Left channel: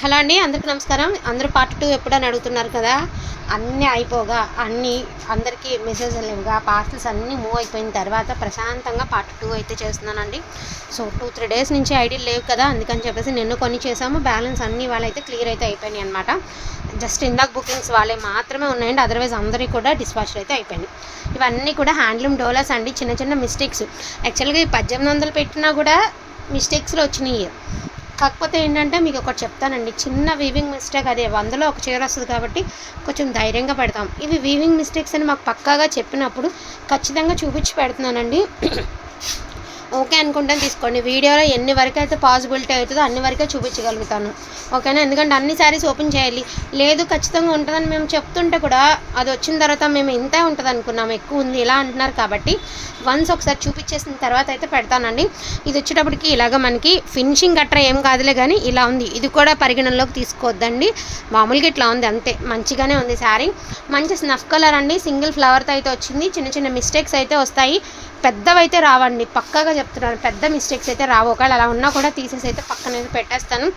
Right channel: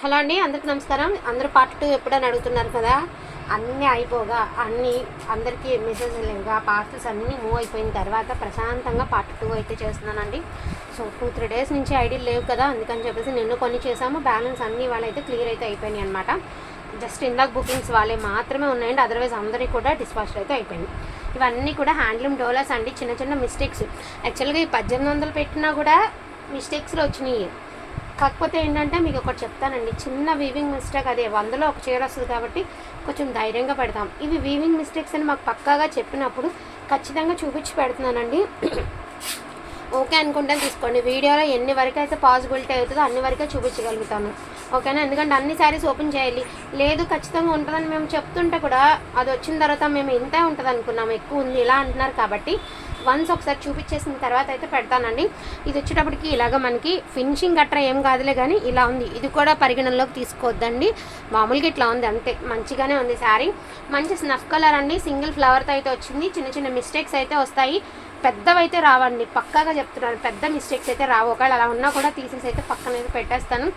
Hello అండి అందరికీ నమస్కారం. అందరూ పార్ట్ టూ ఎప్పుడని అడుగుతున్నారు కదా? అన్నీ అయిపోగా అన్నీ అందరికీ మెసేజ్ లేవుగా పార్సల్స్ అన్నీ మూవ్ అయిపోయిన తర్వాత ప్రశాంతంగా పార్ట్ టూ అయితే చేస్తున్నానండి. సో టూ త్రీ డేస్ నుంచి ఐడియల్ లేవు కదా అందుకని చెప్పేసి నిన్ను కొన్ని చేసాము బ్యాలెన్స్ అన్నీ వాళ్ళైతే క్లియర్ అయితే అయిపోయినాయి అనమాట జస్ట్ ఇందాక బుకింగ్స్ వాళ్ళే మాత్రమే ఉన్నాయండి. అదర్వైజ్ అందరికీ కూడా డిస్పాచ్లు అయితే అయిపోయినాయి. ఇవన్నీ కూడా హ్యాండ్లూమ్ డోలర్స్ అండి. చిన్న చిన్న మిస్టేక్స్ యాక్చువల్గా ఈ పద్దెనిమిది వందలు పెట్టినా కూడా మిస్టేక్స్లో వచ్చినాయి. కాకపోతే ఏంటంటే మీకు ఒకటి చెప్తానండి. చిన్న వీవింగ్ మిస్టేక్ అదే వందలో ఒక చీర వస్తుంది కాబట్టి కొంచెం ధైర్యంగా పెడతాం. ఇవి వీవింగ్ మిస్టేక్స్ అని మాకు పక్కాగా చెప్పినప్పుడు ఖచ్చితంగా చూపించి పెడుతున్నానండి. ఓకే అనుకుంటే తీసుకోండి. వీడియోలో ఎన్ని వరకు అయితే పాసిబిలిటీ అవుతుందో అన్ని వరకే చూపించగలుగుతాను. ఓకేనా? ఎందుకంటే అన్ని శారీస్ ఓపెన్ చేయాలి. లేదు ఖచ్చితంగా ఉంటుందని మేము చెప్తుంటే కూడా అది వచ్చిన తర్వాత మేము ఇంతే ఉంటుంది అనుకున్నాం. ఎక్కువ ఉంది ఇలా అంటున్నారు కాబట్టి వన్స్ ఒకసారి చూపించేసిన తర్వాత అయితే పెడతానండి. ఇది వచ్చేటప్పటికి ఇలాగ మనకి ఫినిషింగ్ గట్రా ఏం కాదులే కానీ ఇలా ఉంది. ఇది కూడా పరిగణనలోకి తీసుకోవద్దండి. మామూలుగా ఇట్లా ఉంది అంతే. మంచిగానే ఉంది శారీ మంచి స్నఫ్ కలర్ అండి. సింగిల్ ఫ్లవర్తో అయితే వచ్చింది. చిన్న చిన్న మిస్టేక్స్ అయితే వస్తాయి. పెద్దవైతే రావండి. పక్కాగా చెప్తున్నాను. పెద్ద మిస్టేక్స్ అయితే రావు. ఒకవేళ అలా ఉన్నా కూడా తీసేసి అయితే పక్కన పెట్టేస్తాను.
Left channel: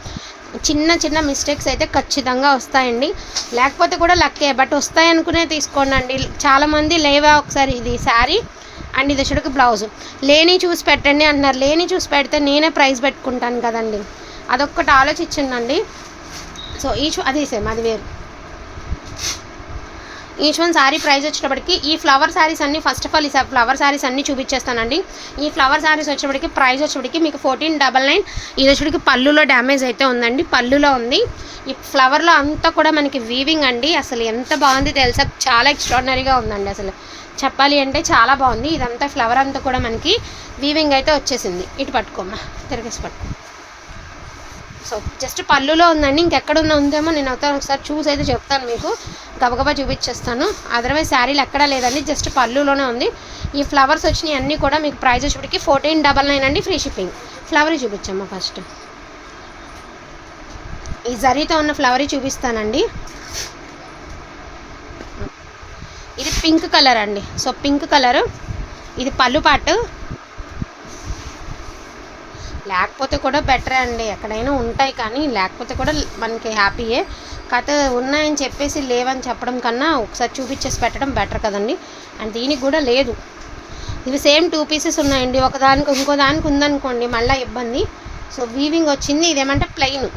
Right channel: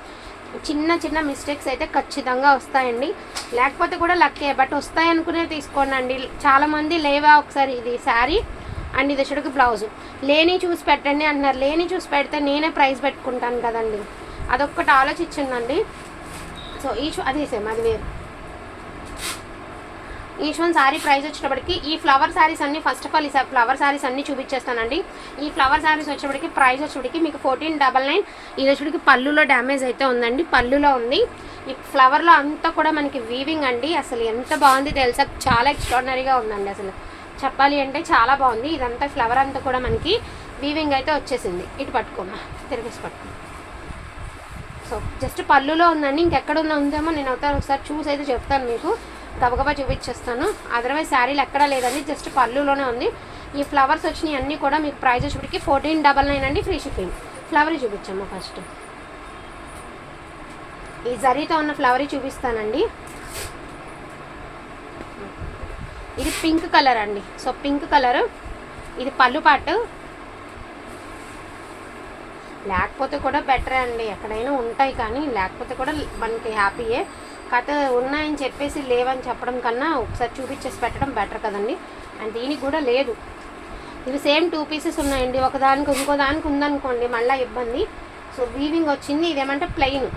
చిన్న చిన్న మిస్టేక్స్ అయితే ఖచ్చితంగా వస్తాయండి. లేకపోతే కూడా లక్కే బట్ వస్తాయనుకునే తీసుకోండి అండి చాలామంది లేవా ఒకసారి ఇది శారీ అండ్ ఇది వచ్చేటికి బ్లౌజ్ లేని చూసి పెట్టండి అంటున్నారు. లేని చూసి పెడితే నేనే ప్రైస్ పెట్టుకుంటాను కదండి. అదొక్కటి ఆలోచించండి. సో ఈ అది సేమ్ అది వేరు. ఈచ్ వన్ శారీ ప్రైస్ వచ్చేటప్పటికి ఈ ఫ్లవర్ శారీస్ అన్ని ఫస్ట్ ఆఫ్ ఆల్ ఈ ఫ్లవర్ శారీస్ అన్ని చూపించేస్తానండి. ఈ ఫ్లవర్ శారీస్ వచ్చేటప్పటికి ప్రైస్ వచ్చేటప్పటికి మీకు ఫోర్టీన్ డబల్ నైన్ ఇది వచ్చేటప్పటికి పళ్ళులో డ్యామేజ్ అయితే ఉందండి పళ్ళులో ఉంది. ఈ ఫ్లవర్లో అంతా కూడా మనకి వీవింగ్ అండి. అసలు ఎంత బాగుంది తెలుసా? చాలా ఎక్స్ట్రాడినరీగా ఉందండి అసలు. చెప్పాలి అంటే చాలా బాగుంది. ఇదంతా ఫ్లవర్ అంతా కూడా మనకి వీవింగ్ అయితే వచ్చేసింది. ఇటు పట్టుకోమా? తిరిగేసి పట్టుకో సో జస్ట్ పళ్ళులో ఉందండి. ఇంకెక్కడ ఉన్న ఉందేమో నేను అవుతాను ఒకసారి చూసి అయితే చెప్తాను మీకు. గబగబా చూపించేస్తాను. అదర్వైజ్ శారీలు ఎక్కడా లేదండి జస్ట్ పళ్ళులోనే ఉంది. ఈ ఫ్లవర్స్ వచ్చినాయి అన్నీ కూడా మీకు ప్రైస్ వచ్చేటికి ఫోర్టీన్ డబల్ నైన్ అండి ఫ్రీ షిప్పింగ్ ఫ్లవర్ చూపించమ్మా ఫస్ట్ ఈ జరీతో ఉన్న ఫ్లవర్ చూపిస్తానండి. ఇది పింక్ కలర్ అండి. సో పింక్ కలర్ ఇది పళ్ళు పాటు. లేకపోతే కూడా బెటర్ అండి. ఎక్కడైనా ఉంటాయి కానీ లేకపోతే కూడా మనకి హ్యాపీయే. కథ ఉన్నాయని చెప్పేసి లేవని చెప్పడం కన్నా ఒకసారి చూపించేసి పెట్టడం బెటర్ కదండి. అండ్ దీనికి కూడా లేదు. ఇవి సేమ్ టూ పీసెస్ ఉన్నాయండి. ఒకదానికి ఇంకో దానికి ఉందనుకోండి మళ్ళీ ఇబ్బంది. సో వీవింగ్ వచ్చింది. ఇదేమంటే ప్లెయిన్.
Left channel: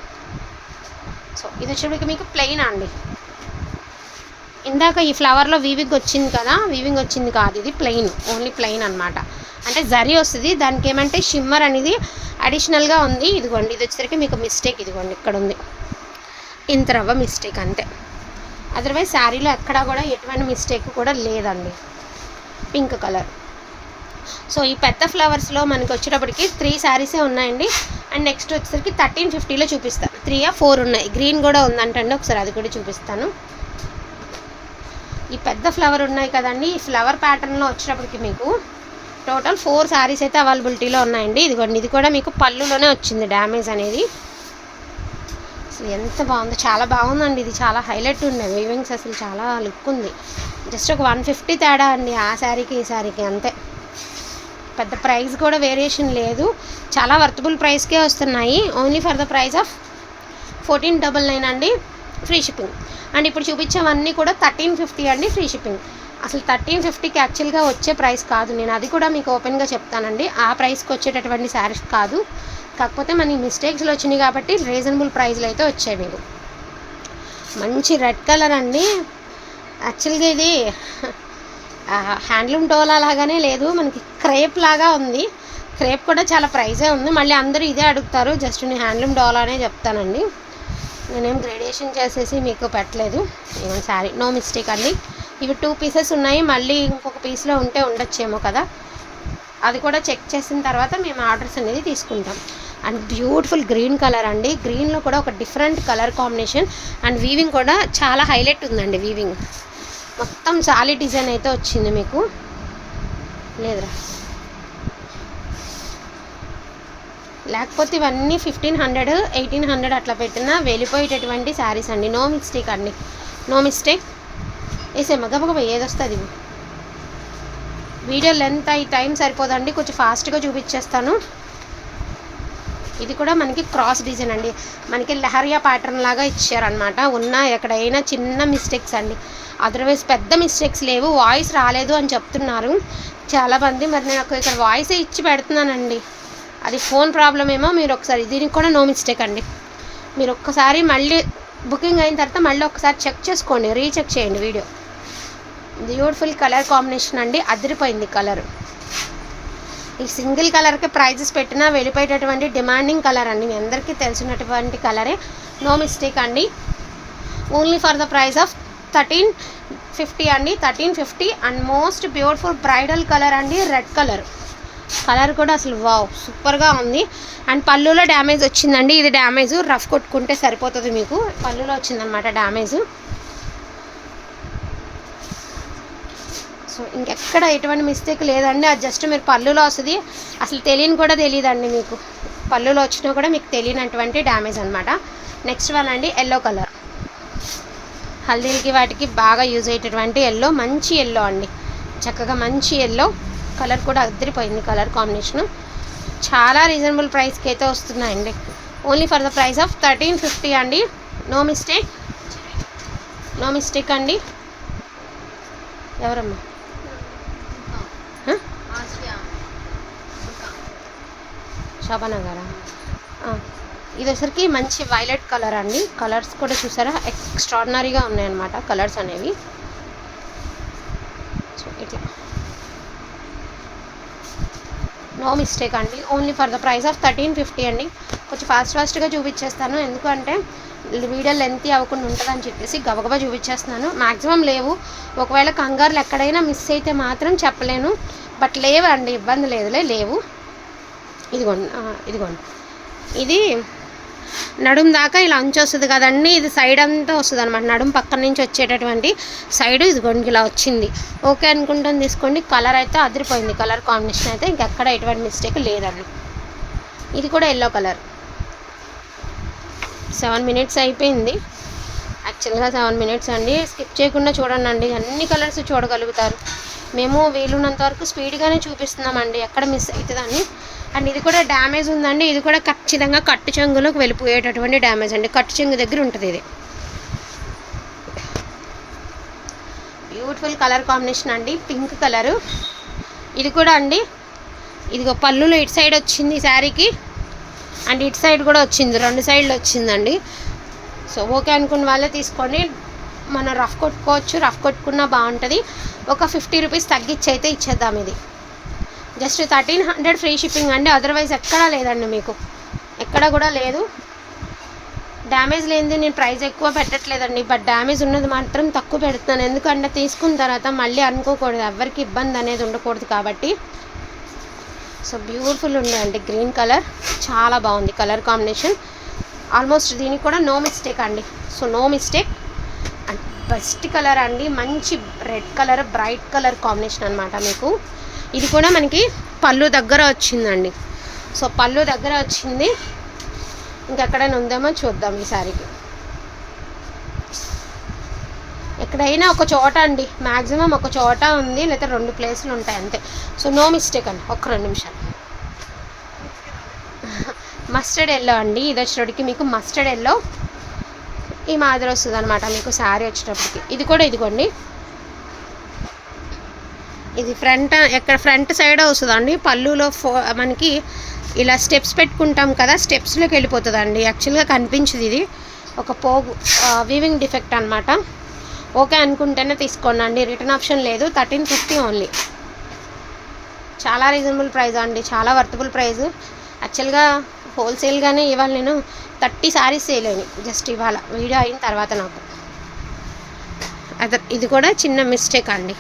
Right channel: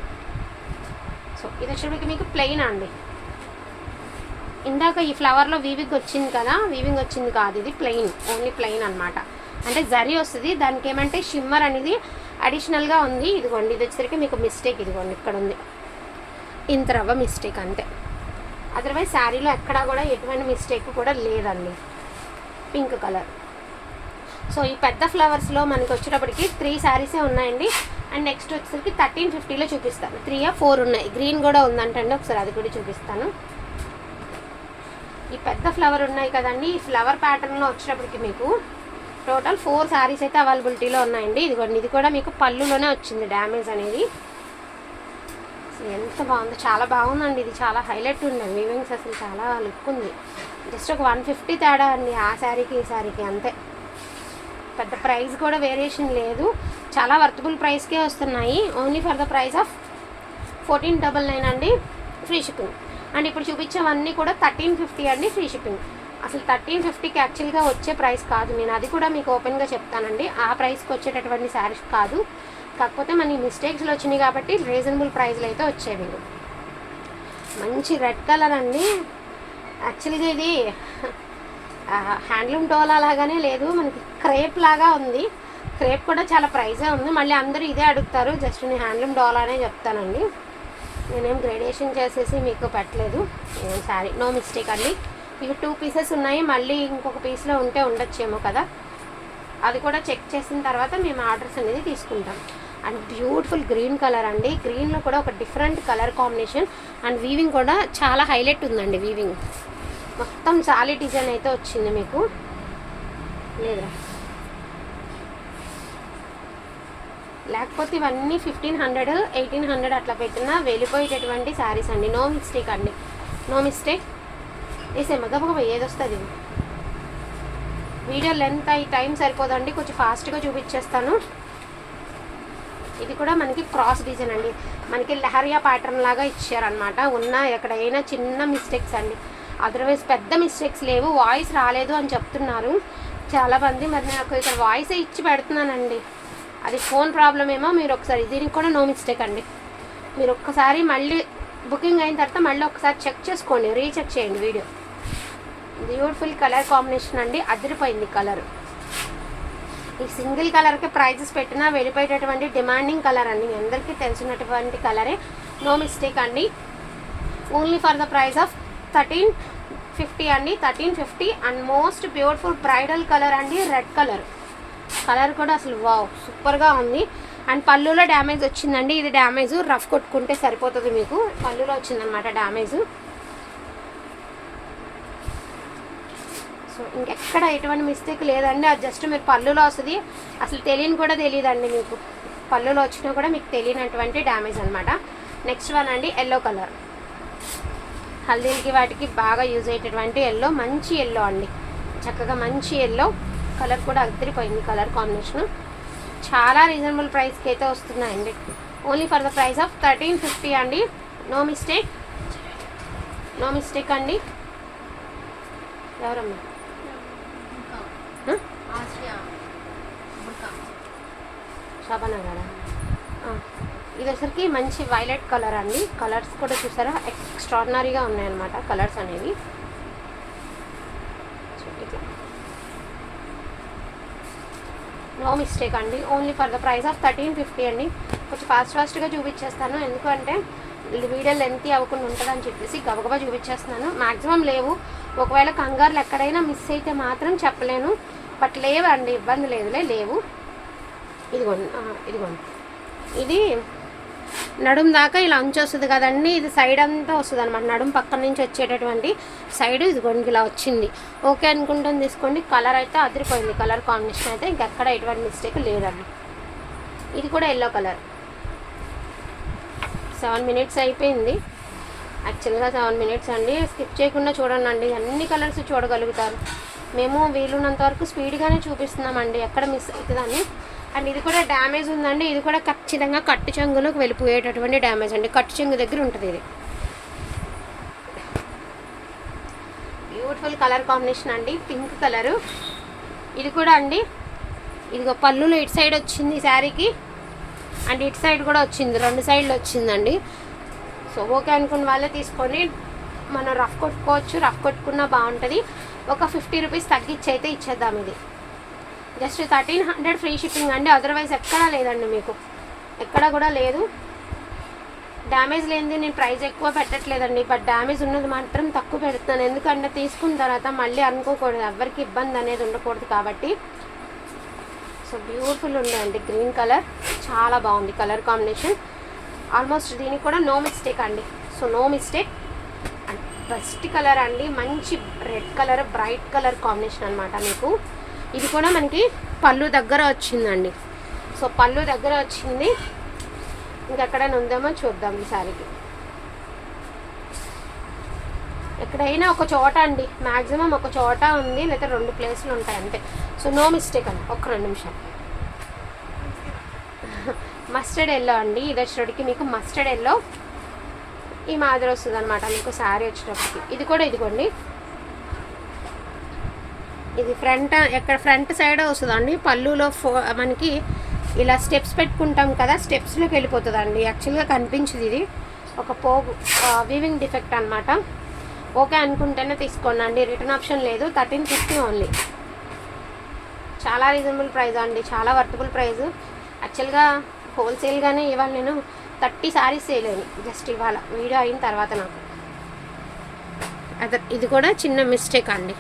సో ఇది వచ్చేటికి మీకు ప్లెయిన్ అండి. ఇందాక ఈ ఫ్లవర్లో వీవింగ్ వచ్చింది కదా వీవింగ్ వచ్చింది కాదు. ఇది ప్లెయిన్. ఓన్లీ ప్లెయిన్ అనమాట అంటే జరీ వస్తుంది. దానికి ఏమంటే షిమ్మర్ అనేది అడిషనల్గా ఉంది. ఇదిగోండి ఇది వచ్చేసరికి మీకు మిస్టేక్ ఇదిగోండి ఇక్కడ ఉంది ఇంత రవ్వ మిస్టేక్ అంతే. అదర్వైజ్ శారీలో ఎక్కడా కూడా ఎటువంటి మిస్టేక్ కూడా లేదండి. Pink colour. సో ఈ పెద్ద ఫ్లవర్స్లో మనకి వచ్చేటప్పటికి త్రీ శారీసే ఉన్నాయండి. అండ్ నెక్స్ట్ వచ్చేసరికి థర్టీన్ ఫిఫ్టీలో చూపిస్తాను. త్రీ ఆ ఫోర్ ఉన్నాయి. గ్రీన్ కూడా ఉందంటండి. ఒకసారి అది కూడా చూపిస్తాను. ఈ పెద్ద ఫ్లవర్ ఉన్నాయి కదండి. ఈ ఫ్లవర్ ప్యాటర్న్లో వచ్చేటప్పటికి మీకు టోటల్ ఫోర్ శారీస్ అయితే అవైలబిలిటీలో ఉన్నాయండి. ఇదిగోండి ఇది కూడా మీకు పళ్ళులోనే వచ్చింది డ్యామేజ్ అనేది. ఎంత బాగుందో చాలా బాగుందండి. ఇది చాలా హైలైట్ ఉంది వీవింగ్స్ అసలు చాలా లుక్ ఉంది. జస్ట్ ఒక వన్ ఫిఫ్టీ తేడా అండి ఆ శారీకి ఈ శారీకి అంతే. పెద్ద ప్రైస్ కూడా వేరియేషన్ లేదు. చాలా వర్తబుల్ ప్రైస్కే వస్తున్నాయి. Only for the price of fourteen double nine అండి ఫ్రీ షిప్పింగ్. అండ్ ఇప్పుడు చూపించేవన్నీ కూడా థర్టీన్ ఫిఫ్టీ అండి ఫ్రీ షిప్పింగ్. అసలు థర్టీన్ ఫిఫ్టీకి యాక్చువల్గా వచ్చే ప్రైస్ కాదు. నేను అది కూడా మీకు ఓపెన్గా చెప్తానండి. ఆ ప్రైస్కి వచ్చేటటువంటి శారీస్ కాదు. కాకపోతే మనకి మిస్టేక్స్లో వచ్చినాయి కాబట్టి రీజనబుల్ ప్రైస్లో అయితే వచ్చేవి మంచి రెడ్ కలర్ అండి. యాక్చువల్గా ఇది హ్యాండ్లూమ్ డోలా లాగానే లేదు. మనకి క్రేప్ లాగా ఉంది. క్రేప్ కూడా చాలా ప్రైజే ఉంది. మళ్ళీ అందరూ ఇదే అడుగుతారు. జస్ట్ నేను హ్యాండ్లూమ్ డోలానే చెప్తానండి. నేనేం గ్రేడేషన్ చేసేసి మీకు పెట్టలేదు. సారీ నో మిస్టేక్ అండి. ఇవి టూ పీసెస్ ఉన్నాయి మళ్ళీ ఇంకొక పీస్లో ఉంటే ఉండొచ్చేమో కదా. అది కూడా చెక్ చేసిన తర్వాత మేము ఆర్డర్స్ అనేది తీసుకుంటాం. అండ్ బ్యూటిఫుల్ గ్రీన్ కలర్ అండి. గ్రీన్లో కూడా ఒక different colour combination and weaving కూడా చాలా హైలైట్ ఉందండి వీవింగ్. మొత్తం సాలీ డిజైన్ అయితే వచ్చింది మీకు. లేదా? లేకపోతే ఇవన్నీ ఫిఫ్టీన్ హండ్రెడ్ ఎయిటీన్ హండ్రెడ్ అట్లా పెట్టినా వెళ్ళిపోయేటటువంటి శారీస్ అండి. నో మిస్టేక్ అండి. No mistake. వేసేమ్మ గబగబ ఏదొస్తుంది వీడియో లెంత్ అయి టైం సరిపోదండి కొంచెం ఫాస్ట్గా చూపించేస్తాను. ఇది కూడా మనకి క్రాస్ డిజైన్ అండి. మనకి లహరియా ప్యాటర్న్ లాగా ఇచ్చారనమాట ఉన్న ఎక్కడైనా చిన్న మిస్టేక్స్ అండి. అదర్వైజ్ పెద్ద మిస్టేక్స్ లేవు. వాయిస్ రాలేదు అని చెప్తున్నారు. చాలామంది మరి నేను నాకు ఇక్కడ వాయిస్ ఇచ్చి పెడుతున్నానండి. అది ఫోన్ ప్రాబ్లం ఏమో మీరు ఒకసారి దీనికి కూడా నో మిస్టేక్ అండి. మీరు ఒక్కసారి మళ్ళీ బుకింగ్ అయిన తర్వాత మళ్ళీ ఒకసారి చెక్ చేసుకోండి. రీచెక్ చేయండి వీడియో బ్యూటిఫుల్ కలర్ కాంబినేషన్ అండి. అదిరిపోయింది కలర్. ఈ సింగిల్ కలర్కి ప్రైజెస్ పెట్టినా వెళ్ళిపోయేటటువంటి డిమాండింగ్ కలర్ అండి. మీ అందరికీ తెలిసినటువంటి కలరే. నో మిస్టేక్ అండి. Only for the price of thirteen fifty అండి. Thirteen fifty and most beautiful bridal colour అండి. Red colour. కలర్ కూడా అసలు వావ్ సూపర్గా ఉంది. అండ్ పళ్ళులో డ్యామేజ్ వచ్చిందండి. ఇది డ్యామేజ్. రఫ్ కొట్టుకుంటే సరిపోతుంది మీకు. పళ్ళులో వచ్చిందనమాట డ్యామేజ్. కోసం ఇంకెక్కడ ఎటువంటి మిస్టేక్ లేదండి. అది జస్ట్ మీరు పళ్ళులో వస్తుంది. అసలు తెలియని కూడా తెలియదండి మీకు. పళ్ళులో వచ్చినా కూడా మీకు తెలియనటువంటి డ్యామేజ్ అనమాట నెక్స్ట్ వన్ అండి ఎల్లో కలర్ హల్దీకి వాటికి బాగా యూజ్ అయ్యేటటువంటి ఎల్లో మంచి ఎల్లో అండి. చక్కగా మంచి ఎల్లో కలర్ కూడా అదిరిపోయింది కలర్ కాంబినేషన్ చాలా రీజనబుల్ ప్రైస్కి అయితే వస్తున్నాయండి. Only for the price of thirteen fifty అండి. నో మిస్టేక్ నో మిస్టేక్ అండి. ఎవరమ్మా? శోభన గారా ఇది వచ్చరికి మంచి వైలెట్ కలర్ అండి. కలర్స్ కూడా చూసారా? ఎక్స్ట్రాడినరీగా ఉన్నాయన్నమాట కలర్స్ అనేవి సో ఇది నో మిస్టేక్ అండి. Only for the price of thirteen fifty అండి. కొంచెం ఫాస్ట్ ఫాస్ట్గా చూపించేస్తాను. ఎందుకంటే వీడియో లెంత్ అవ్వకుండా ఉంటుందని చెప్పేసి గబగబా చూపించేస్తున్నాను. మ్యాక్సిమం లేవు. ఒకవేళ కంగారులు ఎక్కడైనా మిస్ అయితే మాత్రం చెప్పలేను. బట్ లేవండి ఇబ్బంది లేదులే లేవు. ఇదిగోండి ఇదిగోండి. ఇది నడుం దాకా ఇలా అంచు వస్తుంది కదండి ఇది సైడ్ అంతా వస్తుంది అనమాట నడుం పక్కన నుంచి వచ్చేటటువంటి సైడ్ ఇదిగోండి ఇలా వచ్చింది. ఓకే అనుకుంటాను తీసుకోండి. కలర్ అయితే అదిరిపోయింది. కలర్ కాంబినేషన్ అయితే ఇంకెక్కడ ఎటువంటి మిస్టేక్ లేదండి. ఇది కూడా ఎల్లో కలర్ సెవెన్ మినిట్స్ అయిపోయింది. యాక్చువల్గా సెవెన్ మినిట్స్ అండి. స్కిప్ చేయకుండా చూడండి అండి. అన్ని కలర్స్ చూడగలుగుతారు? మేము వీలున్నంత వరకు స్పీడ్గానే చూపిస్తున్నామండి. ఎక్కడ మిస్ అవుతుందని అండ్ ఇది కూడా డ్యామేజ్ ఉందండి. ఇది కూడా ఖచ్చితంగా కట్టు చెంగులోకి వెళ్ళిపోయేటటువంటి డ్యామేజ్ అండి. కట్టు చెంగు దగ్గర ఉంటుంది ఇది. బ్యూటిఫుల్ కలర్ కాంబినేషన్ అండి. పింక్ కలరు ఇది కూడా అండి. ఇదిగో పళ్ళులో ఇటు సైడ్ వచ్చింది ఈ శారీకి అండ్ ఇటు సైడ్ కూడా వచ్చింది. రెండు సైడ్లు వచ్చిందండి. సో ఓకే అనుకున్న వాళ్ళే తీసుకోండి. మనం రఫ్ కొట్టుకోవచ్చు. రఫ్ కొట్టుకున్నా బాగుంటుంది. ఒక ఫిఫ్టీ రూపీస్ తగ్గించి అయితే ఇచ్చేద్దాం ఇది. Just thirteen hundred free shipping అండి. అదర్వైజ్ ఎక్కడా లేదండి మీకు. ఎక్కడ కూడా లేదు. డ్యామేజ్ లేనిది నేను ప్రైస్ ఎక్కువ పెట్టట్లేదండి. బట్ డ్యామేజ్ ఉన్నది మాత్రం తక్కువ పెడుతున్నాను. ఎందుకంటే తీసుకున్న తర్వాత మళ్ళీ అనుకోకూడదు. ఎవరికి ఇబ్బంది అనేది ఉండకూడదు కాబట్టి. సో బ్యూటిఫుల్ ఉంది అండి. Green colour. చాలా బాగుంది కలర్ కాంబినేషన్. ఆల్మోస్ట్ దీనికి కూడా నో మిస్టేక్ అండి. So no mistake. And best colour అండి. మంచి red colour bright colour combination అనమాట మీకు. ఇది కూడా మనకి పళ్ళు దగ్గర వచ్చిందండి. సో పళ్ళు దగ్గర వచ్చింది. ఇంకెక్కడైనా ఉందేమో చూద్దాం ఈ సారికి ఎక్కడైనా ఒక చోట అండి మ్యాక్సిమం ఒక చోట ఉంది లేదా రెండు ప్లేసులు ఉంటాయి అంతే. సో నో మిస్టేక్ అండి ఒక రెండు నిమిషాలు. మస్టర్డ్ ఎల్లో అండి ఇది వచ్చేటప్పటికి మీకు మస్టర్డ్ ఎల్లో ఈ మాదిరి వస్తుంది అనమాట మీకు శారీ వచ్చేటప్పటికి. ఇది కూడా ఇదిగోండి. ఇది ఫ్రంట్ ఎక్కడ ఫ్రంట్ సైడ్ వస్తుందండి. పళ్ళులో ఫో మనకి ఇలా స్టెప్స్ పెట్టుకుంటాం కదా స్టెప్స్లోకి వెళ్ళిపోతుందండి. యాక్చువల్గా కనిపించదు ఇది. ఒక పోగు వీవింగ్ డిఫెక్ట్ అనమాట ఓకే అనుకుంటేనే తీసుకోండి అండి రిటర్న్ ఆప్షన్ లేదు. థర్టీన్ ఫిఫ్టీ ఓన్లీ చాలా రీజనబుల్ ప్రైస్ అండి. చాలా వర్తబుల్ ప్రైస్ యాక్చువల్గా హోల్సేల్గానే ఇవాళ నేను థర్టీ సారీస్ చేయలేను జస్ట్ ఇవాళ. వీడియో అయిన తర్వాత నాకు. అదే ఇది కూడా చిన్న మిస్టేక్ అండి.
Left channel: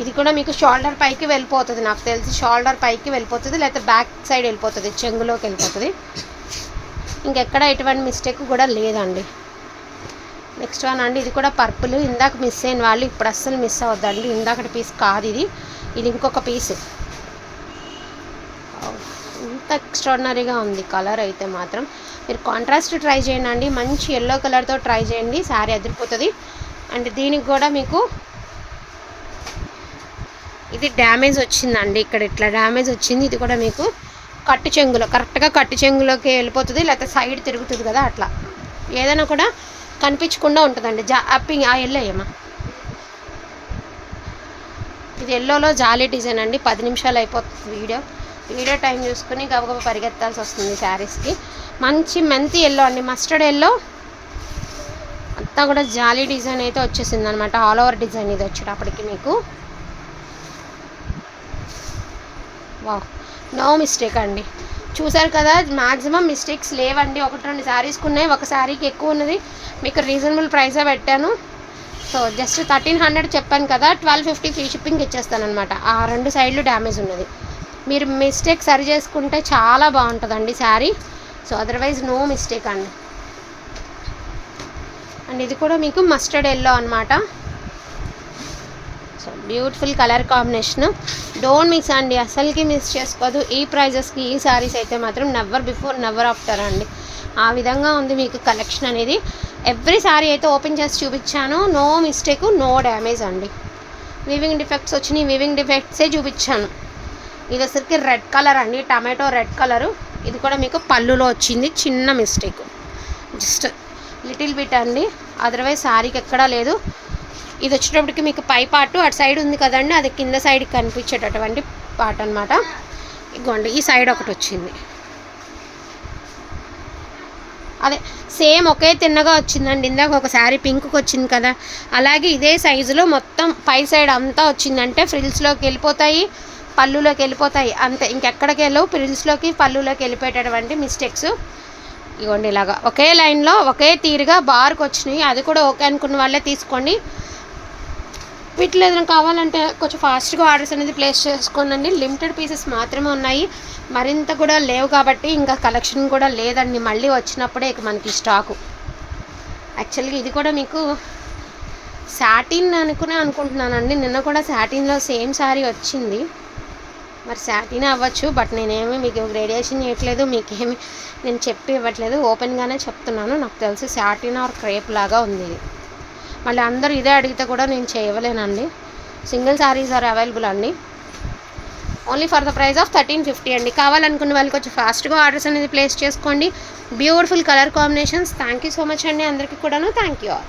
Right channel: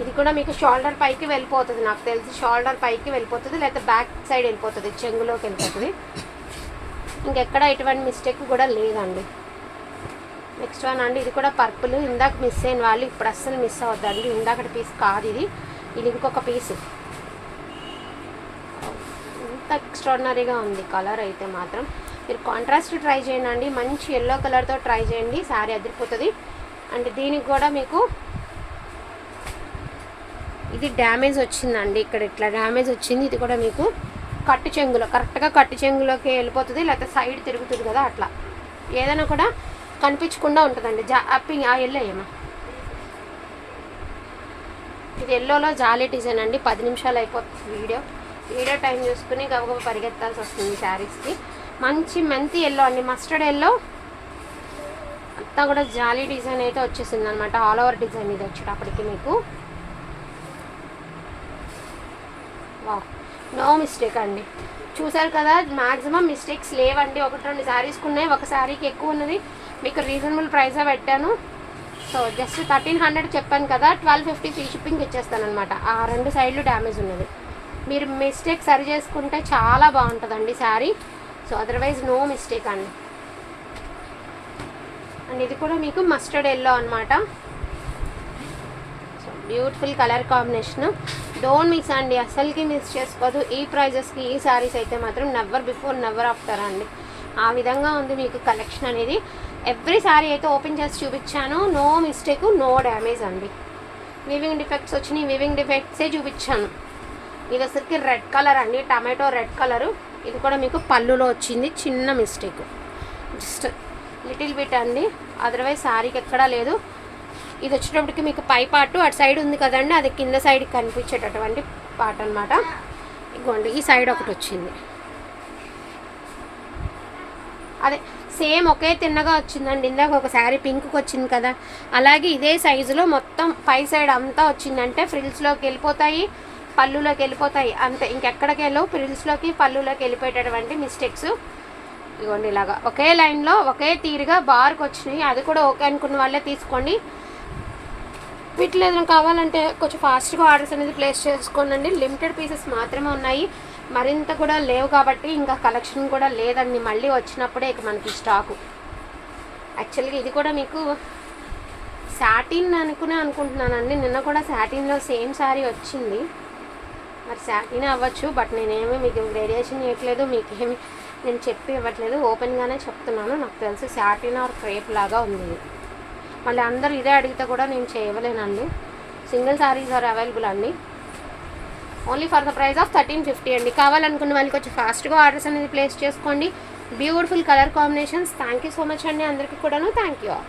ఇది కూడా మీకు షోల్డర్ పైకి వెళ్ళిపోతుంది నాకు తెలిసి షోల్డర్ పైకి వెళ్ళిపోతుంది లేకపోతే బ్యాక్ సైడ్ వెళ్ళిపోతుంది చెంగులోకి వెళ్ళిపోతుంది. ఇంకెక్కడ ఎటువంటి మిస్టేక్ కూడా లేదండి. నెక్స్ట్ వన్ అండి ఇది కూడా పర్పుల్ ఇందాక మిస్ అయిన వాళ్ళు ఇప్పుడు అస్సలు మిస్ అవ్వద్దండి. ఇందాకటి పీస్ కాదు ఇది ఇది ఇంకొక పీస్ ఇంత ఎక్స్ట్రాడినరీగా ఉంది కలర్ అయితే మాత్రం. మీరు కాంట్రాస్ట్ ట్రై చేయండి అండి మంచి ఎల్లో కలర్తో ట్రై చేయండి శారీ అదిరిపోతుంది. అండ్ దీనికి కూడా మీకు ఇది డ్యామేజ్ వచ్చిందండి. ఇక్కడ ఇట్లా డ్యామేజ్ వచ్చింది. ఇది కూడా మీకు కట్టు చెంగులో కరెక్ట్గా కట్టు చెంగులోకి వెళ్ళిపోతుంది లేకపోతే సైడ్ తిరుగుతుంది కదా అట్లా. ఏదైనా కూడా కనిపించకుండా ఉంటుందండి. జా అప్పింగ్ ఆ ఎల్లో ఏమా. ఇది ఎల్లోలో జాలీ డిజైన్ అండి. పది నిమిషాలు అయిపోతుంది వీడియో. వీడియో టైం చూసుకుని గబగబ పరిగెత్తాల్సి వస్తుంది శారీస్కి. మంచి మెంతి ఎల్లో అండి. Mustard yellow. అంతా కూడా జాలీ డిజైన్ అయితే వచ్చేసింది అనమాట ఆల్ ఓవర్ డిజైన్ ఇది వచ్చేటప్పటికి మీకు. వా నో మిస్టేక్ అండి. చూసారు కదా మ్యాక్సిమం మిస్టేక్స్ లేవండి. ఒకటి రెండు శారీస్కి ఉన్నాయి ఒక శారీకి ఎక్కువ ఉన్నది. మీకు రీజనబుల్ ప్రైసే పెట్టాను. సో జస్ట్ థర్టీన్ హండ్రెడ్ చెప్పాను కదా ట్వెల్వ్ ఫిఫ్టీ ఫ్రీ షిప్పింగ్ ఇచ్చేస్తాను అనమాట ఆ రెండు సైడ్లు డ్యామేజ్ ఉన్నది. మీరు మిస్టేక్ సరి చేసుకుంటే చాలా బాగుంటుందండి sari so otherwise no mistake అండి. అండ్ ఇది కూడా మీకు మస్టర్డ్ ఎల్లో అనమాట so beautiful colour combination don't miss అండి అసలుకి మిస్ చేసుకోదు. ఈ ప్రైజెస్కి ఈ సారీస్ అయితే మాత్రం నెవర్ బిఫోర్ నెవర్ ఆఫ్టర్ అండి. ఆ విధంగా ఉంది మీకు కలెక్షన్ అనేది. ఎవ్రీ సారీ అయితే ఓపెన్ చేసి చూపించాను. నో మిస్టేక్ నో డ్యామేజ్ అండి. వివింగ్ డిఫెక్ట్స్ వచ్చినాయి. వివింగ్ డిఫెక్ట్సే చూపించాను. ఇది అసలుకి రెడ్ కలర్ అండి. టమాటో రెడ్ కలరు ఇది కూడా మీకు పళ్ళులో వచ్చింది. చిన్న మిస్టేక్ జస్ట్ లిటిల్ బిట్ అండి. అదర్వైజ్ శారీకి ఎక్కడా లేదు. ఇది వచ్చేటప్పటికి మీకు పై పార్ట్ అటు సైడ్ ఉంది కదండి అది కింద సైడ్కి కనిపించేటటువంటి పార్ట్ అనమాట ఇగోండి ఈ సైడ్ ఒకటి వచ్చింది. అదే సేమ్ ఒకే తిన్నగా వచ్చిందండి. ఇందాక ఒక శారీ పింక్కి వచ్చింది కదా. అలాగే ఇదే సైజులో మొత్తం పై సైడ్ అంతా వచ్చిందంటే ఫ్రిల్స్లోకి వెళ్ళిపోతాయి పళ్ళులోకి వెళ్ళిపోతాయి. అంతే ఇంకెక్కడికి వెళ్ళవు. ఫ్రిల్స్లోకి పళ్ళులోకి వెళ్ళిపోయేటటువంటి మిస్టేక్స్ ఇవ్వండి ఇలాగా. ఒకే లైన్లో ఒకే తీరుగా బార్కి వచ్చినాయి. అది కూడా ఓకే అనుకున్న వాళ్ళే తీసుకోండి. వీటిలో ఏదైనా కావాలంటే కొంచెం ఫాస్ట్గా ఆర్డర్స్ అనేది ప్లేస్ చేసుకోనండి. లిమిటెడ్ పీసెస్ మాత్రమే ఉన్నాయి. మరింత కూడా లేవు కాబట్టి ఇంకా కలెక్షన్ కూడా లేదండి. మళ్ళీ వచ్చినప్పుడే ఇక మనకి స్టాకు. యాక్చువల్గా ఇది కూడా మీకు శాటిన్ అనుకునే అనుకుంటున్నానండి. నిన్న కూడా శాటిన్లో సేమ్ శారీ వచ్చింది. మరి శాటిన్ అవ్వచ్చు బట్ నేనేమి మీకు రేడియేషన్ చేయట్లేదు మీకేమి నేను చెప్పి ఇవ్వట్లేదు. ఓపెన్గానే చెప్తున్నాను. నాకు తెలిసి శాటిన్ ఆర్ క్రేప్ లాగా ఉంది. మళ్ళీ అందరూ ఇదే అడిగితే కూడా నేను చేయలేనండి. సింగిల్ శారీస్ ఆర్ అవైలబుల్ అండి. Only for the price of thirteen fifty అండి. కావాలనుకున్న వాళ్ళకి వచ్చి ఫాస్ట్గా ఆర్డర్స్ అనేది ప్లేస్ చేసుకోండి. Beautiful colour combinations thank you so much అండి అందరికీ కూడాను. Thank you all